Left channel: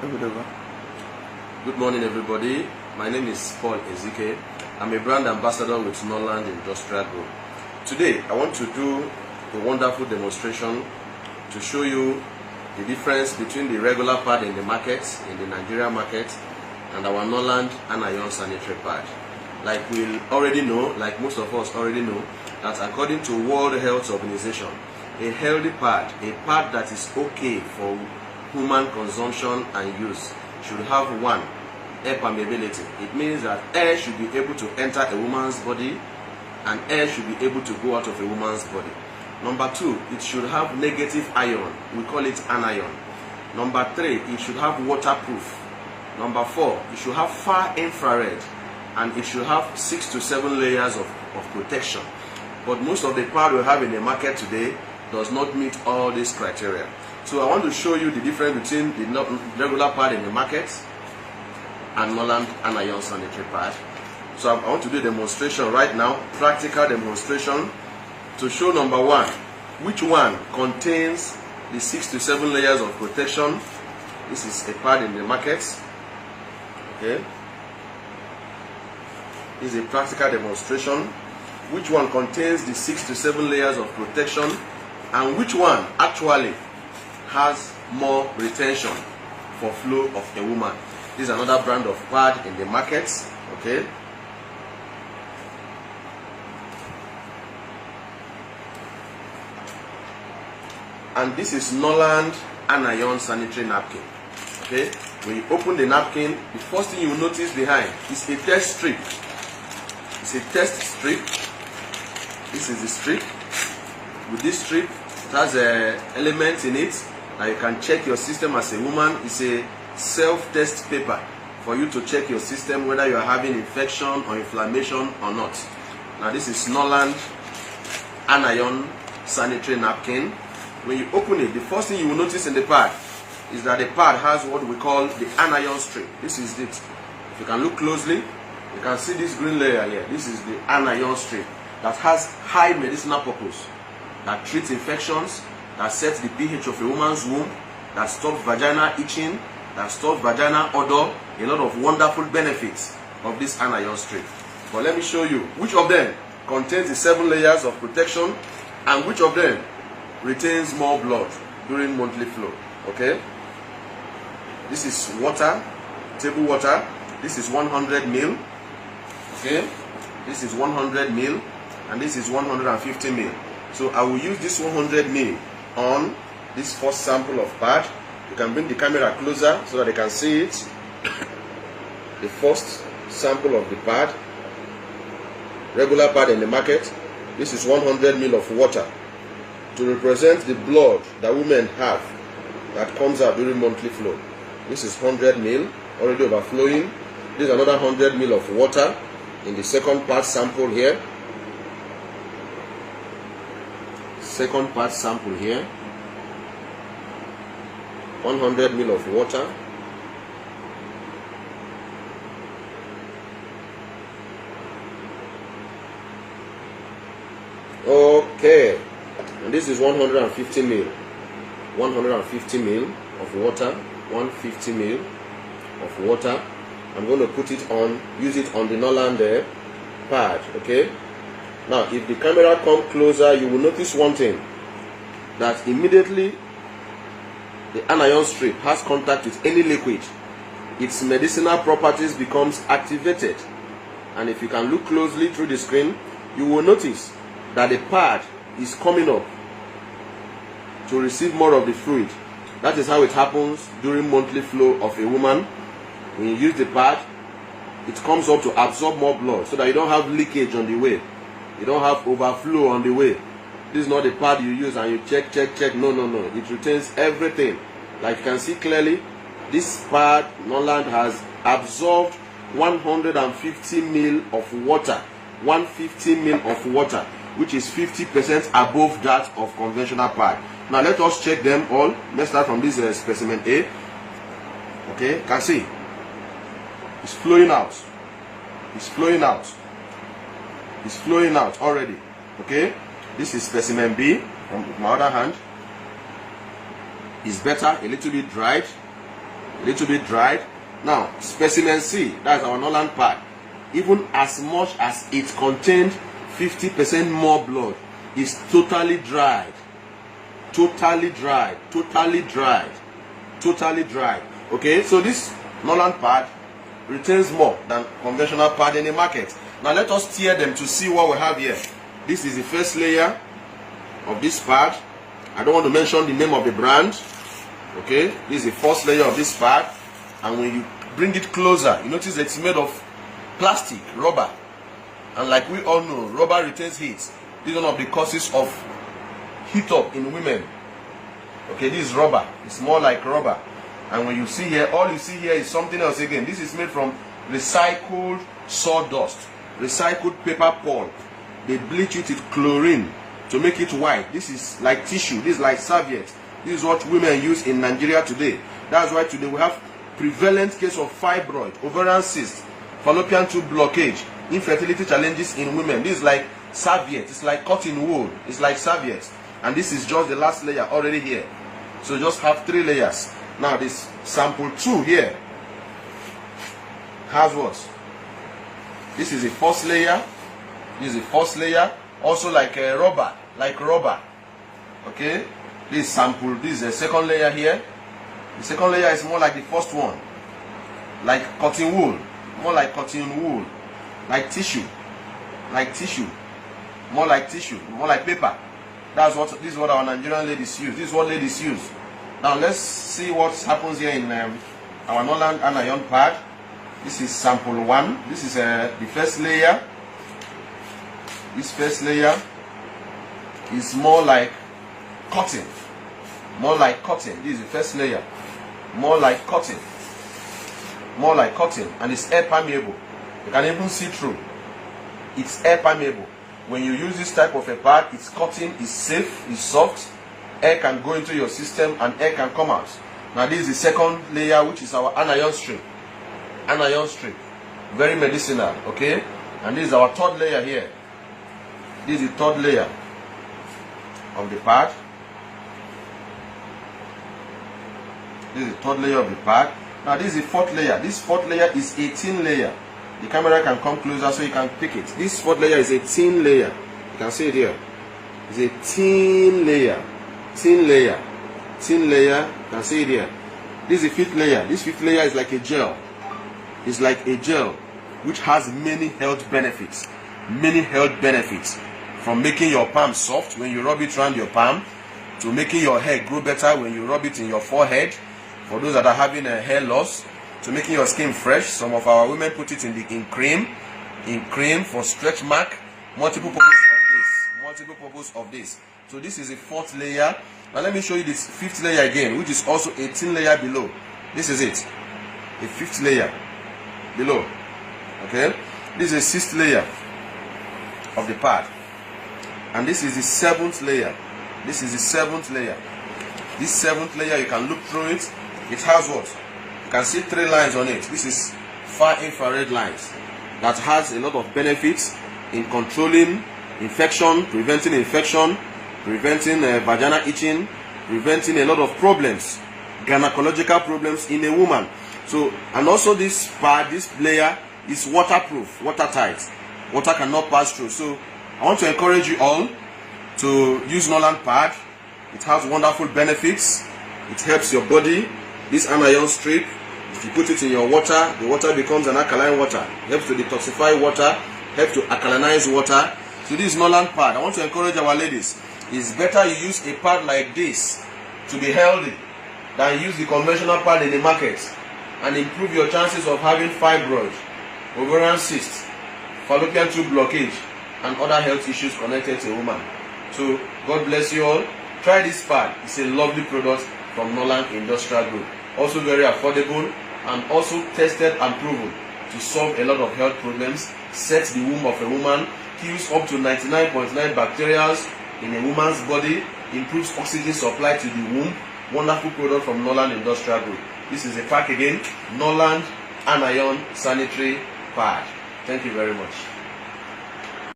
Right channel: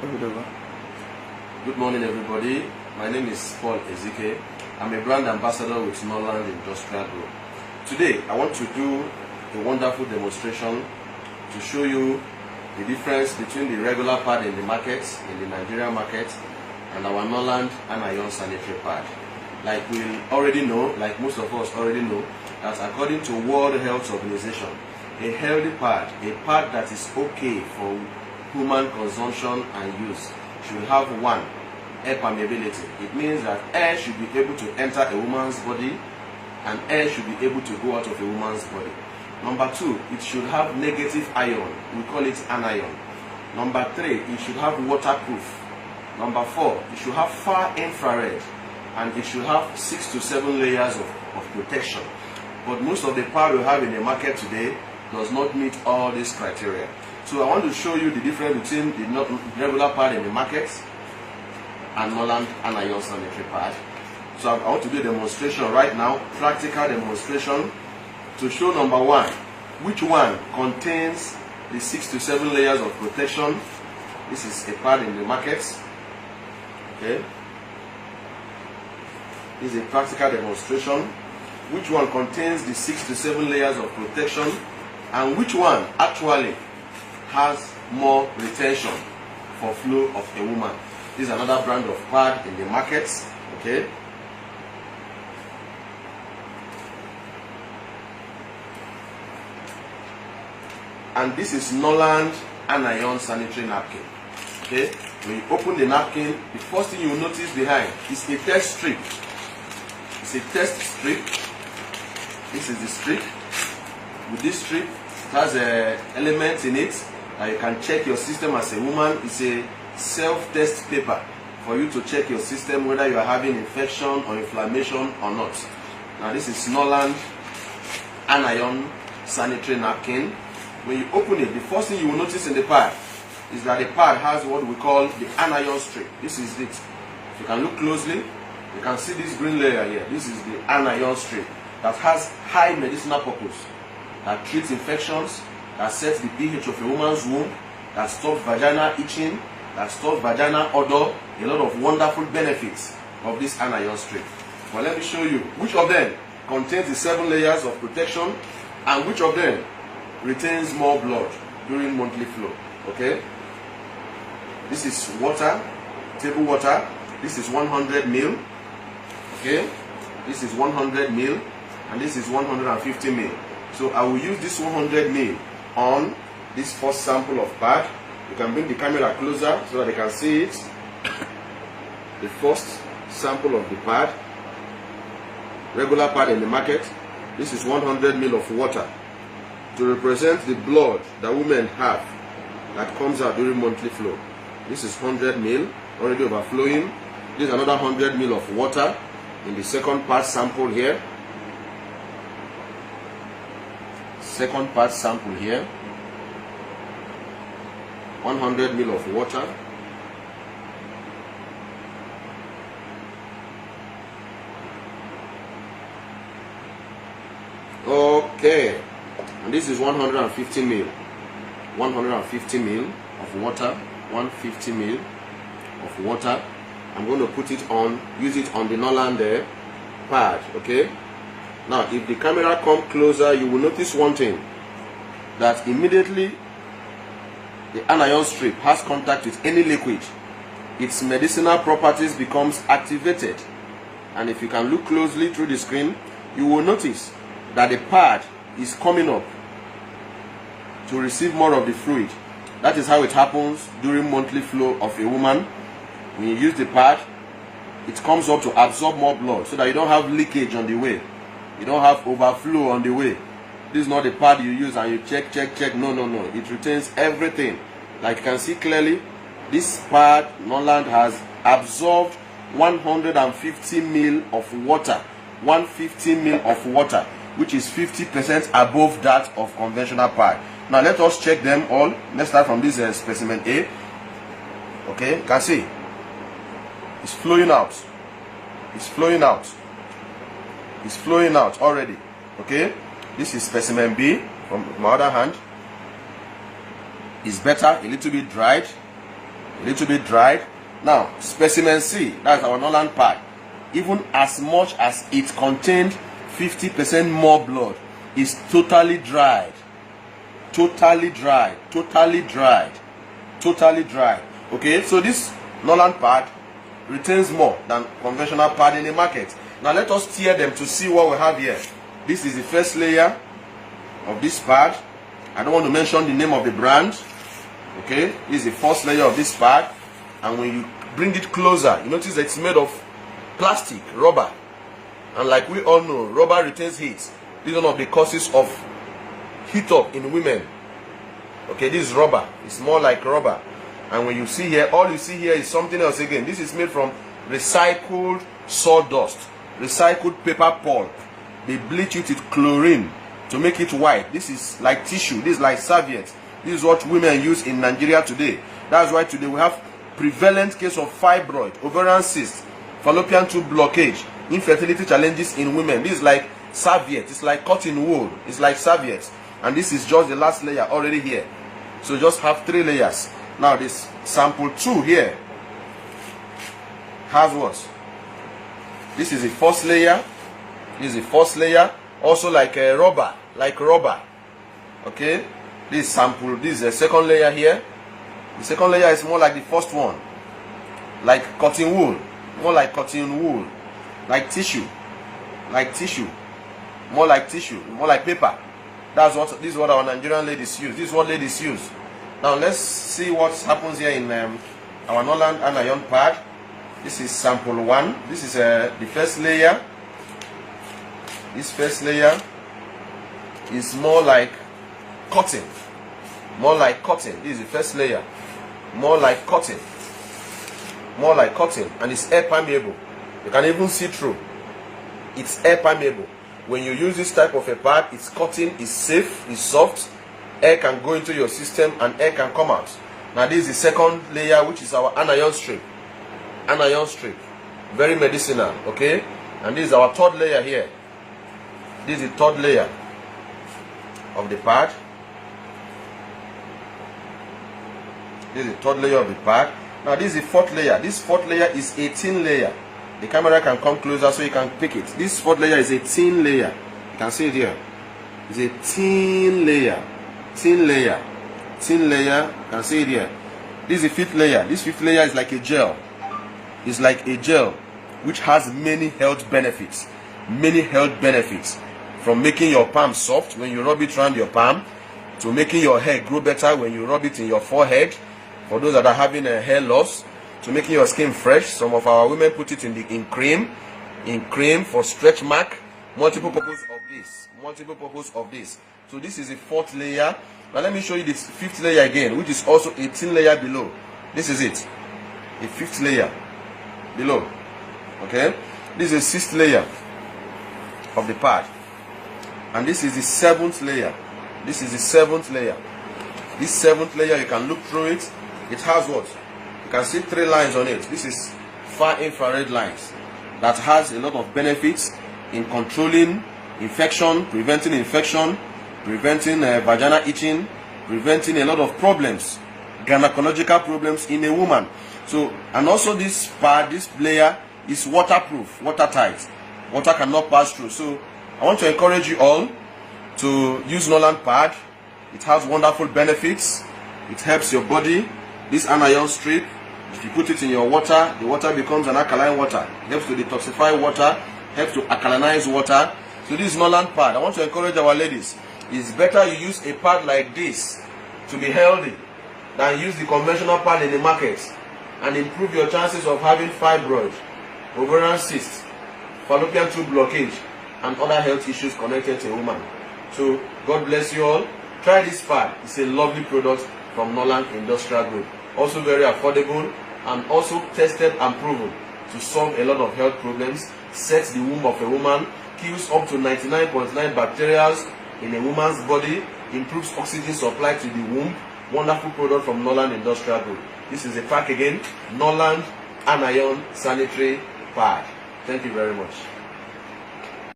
Good morning, everybody. My name is Paul Ezike. I'm a brand ambassador with Norland Industrial Group. Today, I want to do a wonderful demonstration to show you the difference between the regular pad in the market, in the Nigerian market, and our Norland Anion sanitary pad. Like we already know, like most of us already know, that according to World Health Organization, a healthy pad, a pad that is okay for human consumption and use, should have one, air permeability. It means that air should be able to enter a woman's body and air should be able to go out of a woman's body. Number two, it should have negative ion. We call it anion. Number three, it should have waterproof. Number four, it should have far infrared, and it should have 6 to 7 layers of protection. But most of the pad we have in the market today does not meet all these criteria. So I want to show you the difference between the regular pad in the market and Norland Anion sanitary pad. So I want to do a demonstration right now, practical demonstration, to show number one, which one contains the 6 to 7 layers of protection. This is a pad in the market. Okay. This is a practical demonstration. Which one contains the 6 to 7 layers of protection, and which one actually has more retention for flow of a woman. This is another brand of pad in the market. Okay. And this is Norland Anion sanitary napkin. Okay. When you open the napkin, the first thing you will notice behind is a test strip. It's a test strip. This is the strip. With this strip, it has elements in it that you can check your system as a woman. It's a self-test paper for you to check your system whether you are having infection or inflammation or not. Now this is Norland Anion sanitary napkin. When you open it, the first thing you will notice in the pad is that the pad has what we call the anion strip. This is it. If you can look closely, you can see this green layer here. This is the anion strip that has high medicinal purpose, that treats infections, that sets the pH of a woman's womb, that stops vaginal itching, that stops vaginal odor. A lot of wonderful benefits of this anion strip. But let me show you which of them contains the 7 layers of protection and which of them retains more blood during monthly flow. Okay. This is water, table water. This is 100 ml. Okay. This is 100 ml. And this is 150 ml. So I will use this 100 ml on this first sample of pad. You can bring the camera closer so that they can see it. The first sample of the pad, regular pad in the market. This is 100 ml of water to represent the blood that women have that comes out during monthly flow. This is 100 ml already overflowing. This is another 100 ml of water in the second pad sample here. Second part sample here, 100 ml of water, okay, and this is 150 ml, 150 ml of water, 150 ml of water. I'm going to put it on, use it on the Norland pad. Okay. Now, if the camera comes closer, you will notice one thing, that immediately the anion strip has contact with any liquid, its medicinal properties becomes activated. And if you can look closely through the screen, you will notice that the pad is coming up to receive more of the fluid. That is how it happens during monthly flow of a woman. When you use the pad, it comes up to absorb more blood so that you don't have leakage on the way. You don't have overflow on the way. This is not the pad you use and you check. No. It retains everything. Like you can see clearly, this pad, Norland, has absorbed 150 ml of water. 150 ml of water, which is 50% above that of conventional pad. Now let us check them all. Let's start from this specimen A. Okay, you can see it's flowing out. It's flowing out. It's flowing out already. Okay, this is specimen B from my other hand. It's better, a little bit dried. a little bit dried. Now, specimen C, that's our Norland pad. Even as much as it contained 50% more blood, is totally dried. Totally dried. Totally dried. Totally dried. Okay, so this Norland pad retains more than conventional pad in the market. Now let us tear them to see what we have here. This is the first layer of this pad. I don't want to mention the name of the brand. Okay, this is the first layer of this pad, and when you bring it closer, you notice that it's made of plastic, rubber, and like we all know, rubber retains heat. This is one of the causes of heat up in women. Okay, this is rubber. It's more like rubber. And when you see here, all you see here is something else again. This is made from recycled sawdust, recycled paper pulp. They bleach it with chlorine to make it white. This is like tissue. This is like serviette. This is what women use in Nigeria today. That's why today we have prevalent case of fibroid, ovarian cyst, fallopian tube blockage, infertility challenges in women. This is like serviette. It's like cotton wool. It's like serviette. And this is just the last layer already here. So you just have 3 layers. Now this sample 2 here has what? This is the first layer. This is the first layer. Also like a rubber. Like rubber. Okay? This sample. This is the second layer here. The second layer is more like the first one. Like cotton wool. More like cotton wool. Like tissue. Like tissue. More like tissue. More like paper. That's what, this is what our Nigerian ladies use. This is what ladies use. Now let's see what happens here in our Norland anion pad. This is sample 1. This is the first layer. This first layer is more like cotton. More like cotton. This is the first layer. More like cotton. More like cotton. And it's air permeable. You can even see through. It's air permeable. When you use this type of a pad, it's cotton, it's safe, it's soft. Air can go into your system and air can come out. Now this is the second layer, which is our anion strip. Anion strip. Very medicinal, okay? And this is our third layer here. This is the third layer of the pad. This is the third layer of the pad. Now this is the fourth layer. This fourth layer is a thin layer. The camera can come closer so you can pick it. This fourth layer is a thin layer. You can see it here. It's a thin layer. Thin layer. Thin layer. You can see it here. This is the fifth layer. This fifth layer is like a gel. It's like a gel which has many health benefits. Many health benefits. From making your palm soft when you rub it around your palm, to making your hair grow better when you rub it in your forehead, for those that are having a hair loss, to making your skin fresh. Some of our women put it in cream for stretch mark. Multiple purpose of this. So this is the fourth layer. Now let me show you this fifth layer again, which is also a thin layer below. This is it, the fifth layer below. Okay, this is the sixth layer of the pad, and this is the seventh layer. This is the seventh layer. This seventh layer, you can look through it. It has what? You can see 3 lines on it. This is far infrared lines that has a lot of benefits in controlling infection, preventing vaginal itching, preventing a lot of problems, gynecological problems in a woman. So, and also this pad, this layer is waterproof, watertight. Water cannot pass through. So I want to encourage you all to use Norland pad. It has wonderful benefits. It helps your body. This anion strip, if you put it in your water, the water becomes an alkaline water. It helps to detoxify water, helps to alkalinize water. So this Norland pad, I want to encourage our ladies. It's better you use a pad like this to be healthy than use the conventional pad in the market and improve your chances of having fibroid, ovarian cyst, fallopian tube blockage, and other health issues connected to a woman. So God bless you all. Try this pad. It's a lovely product from Norland Industrial Group. Also very affordable and also tested and proven to solve a lot of health problems, sets the womb of a woman, kills up to 99.9 bacteria in a woman's body, improves oxygen supply to the womb. Wonderful product from Norland Industrial Group. This is a pack again, Norland Anion Sanitary Pad. Thank you very much.